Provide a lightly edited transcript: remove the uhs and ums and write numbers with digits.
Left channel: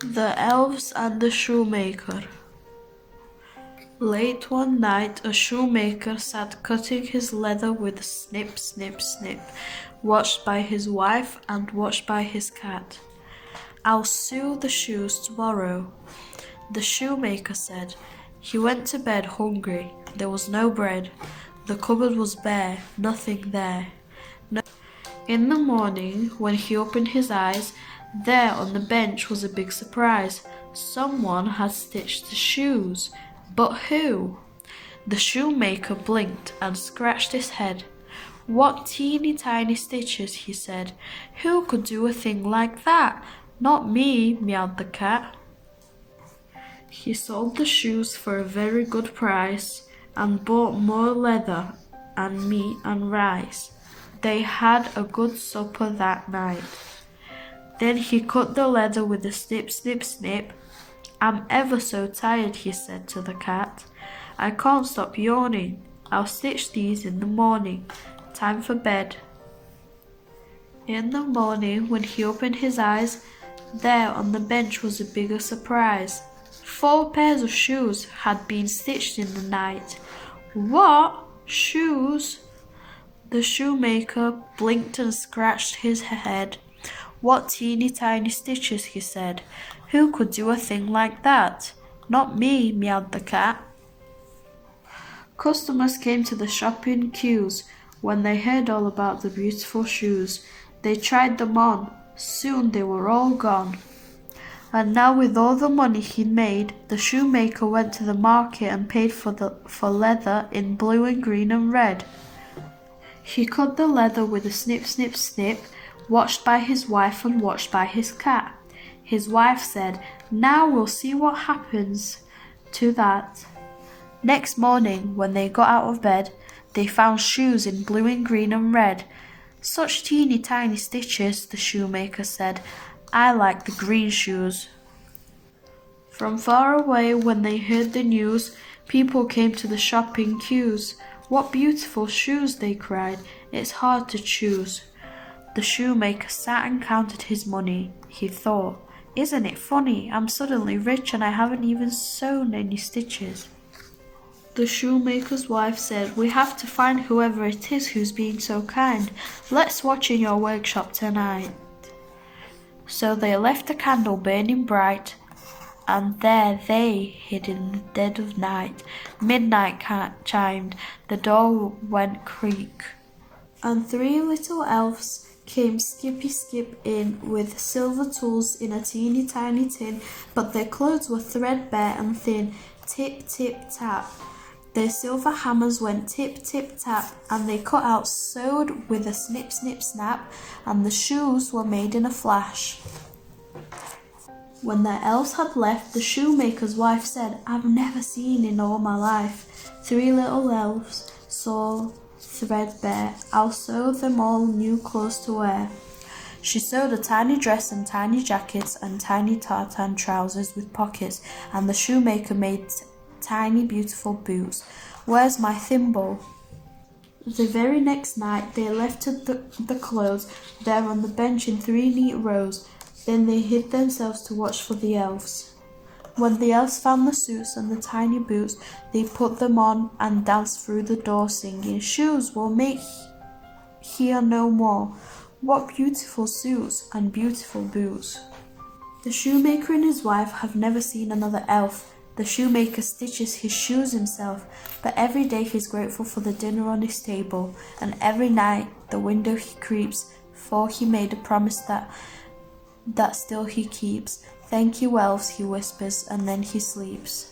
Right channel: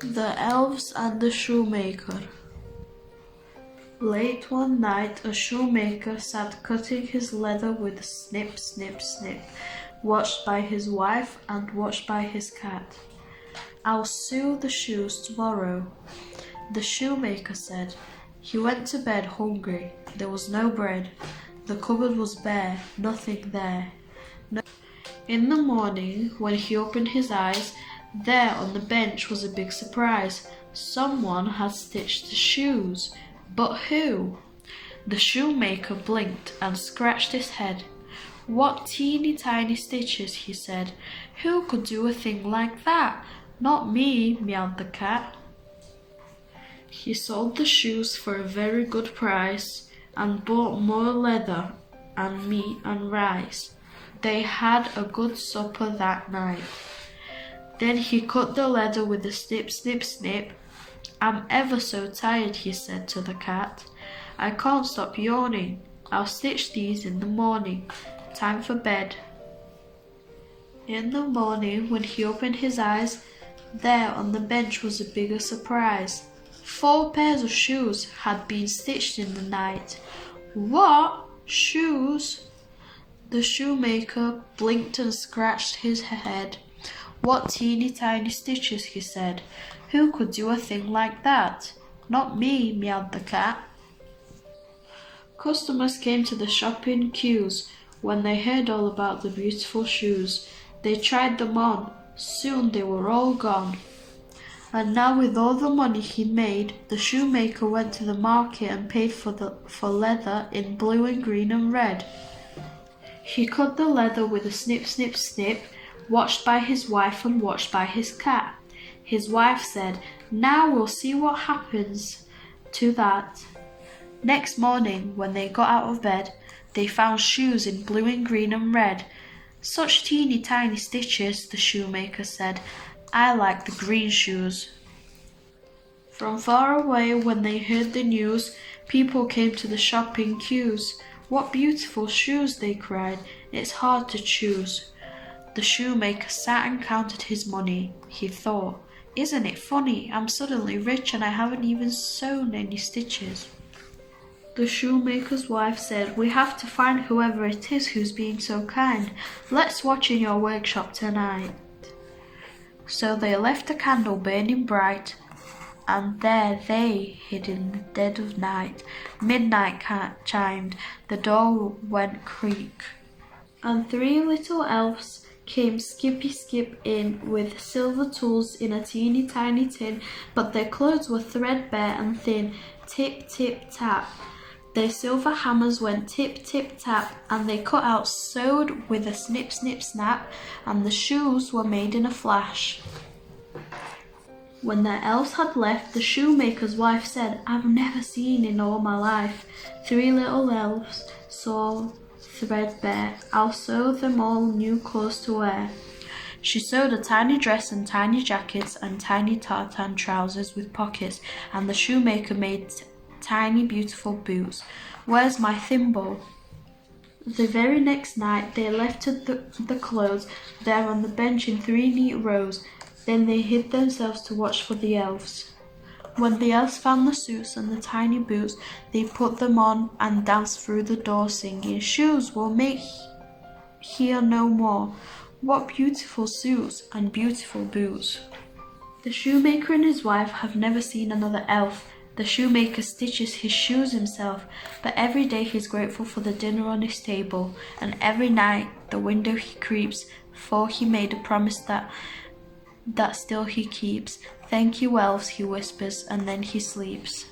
The Elves and the Shoemaker. Late one night, a shoemaker sat cutting his leather with snip, snip, snip, watched by his wife and watched by his cat. "I'll sew the shoes tomorrow," the shoemaker said. He went to bed hungry. There was no bread. The cupboard was bare, nothing there. In the morning, when he opened his eyes, there on the bench was a big surprise. Someone had stitched the shoes. But who? The shoemaker blinked and scratched his head. "What teeny tiny stitches," he said. "Who could do a thing like that? Not me," meowed the cat. He sold the shoes for a very good price and bought more leather and meat and rice. They had a good supper that night. Then he cut the leather with a snip, snip, snip. "I'm ever so tired," he said to the cat. "I can't stop yawning. I'll stitch these in the morning. Time for bed." In the morning, when he opened his eyes, there on the bench was a bigger surprise. 4 pairs of shoes had been stitched in the night. "What? Shoes?" The shoemaker blinked and scratched his head. "What teeny tiny stitches," he said. "Who could do a thing like that? Not me," meowed the cat. Customers came to the shopping queues when they heard all about the beautiful shoes. They tried them on. Soon they were all gone. And now with all the money he'd made, the shoemaker went to the market and paid for leather in blue and green and red. He cut the leather with a snip, snip, snip, watched by his wife and watched by his cat. His wife said, "Now we'll see what happens to that." Next morning, when they got out of bed, they found shoes in blue and green and red. "Such teeny tiny stitches," the shoemaker said. "I like the green shoes." From far away, when they heard the news, people came to the shopping queues. "What beautiful shoes," they cried. "It's hard to choose." The shoemaker sat and counted his money. He thought, "Isn't it funny? I'm suddenly rich and I haven't even sewn any stitches." The shoemaker's wife said, "We have to find whoever it is who's being so kind. Let's watch in your workshop tonight." So they left a candle burning bright, and there they hid in the dead of night. Midnight chimed, the door went creak, and 3 little elves came skippy skip in with silver tools in a teeny tiny tin, but their clothes were threadbare and thin. Tip, tip, tap. Their silver hammers went tip, tip, tap, and they cut out sewed with a snip, snip, snap, and the shoes were made in a flash. When the elves had left, the shoemaker's wife said, "I've never seen in all my life 3 little elves so threadbare. I'll sew them all new clothes to wear." She sewed a tiny dress and tiny jackets and tiny tartan trousers with pockets, and the shoemaker made tiny beautiful boots. "Where's my thimble?" The very next night they left the clothes there on the bench in 3 neat rows. Then they hid themselves to watch for the elves. When the elves found the suits and the tiny boots, they put them on and danced through the door singing, "Shoes will make here no more. What beautiful suits and beautiful boots." The shoemaker and his wife have never seen another elf. The shoemaker stitches his shoes himself, but every day he's grateful for the dinner on his table, and every night the window he creeps, for he made a promise that still he keeps. "Thank you, elves," he whispers, and then he sleeps.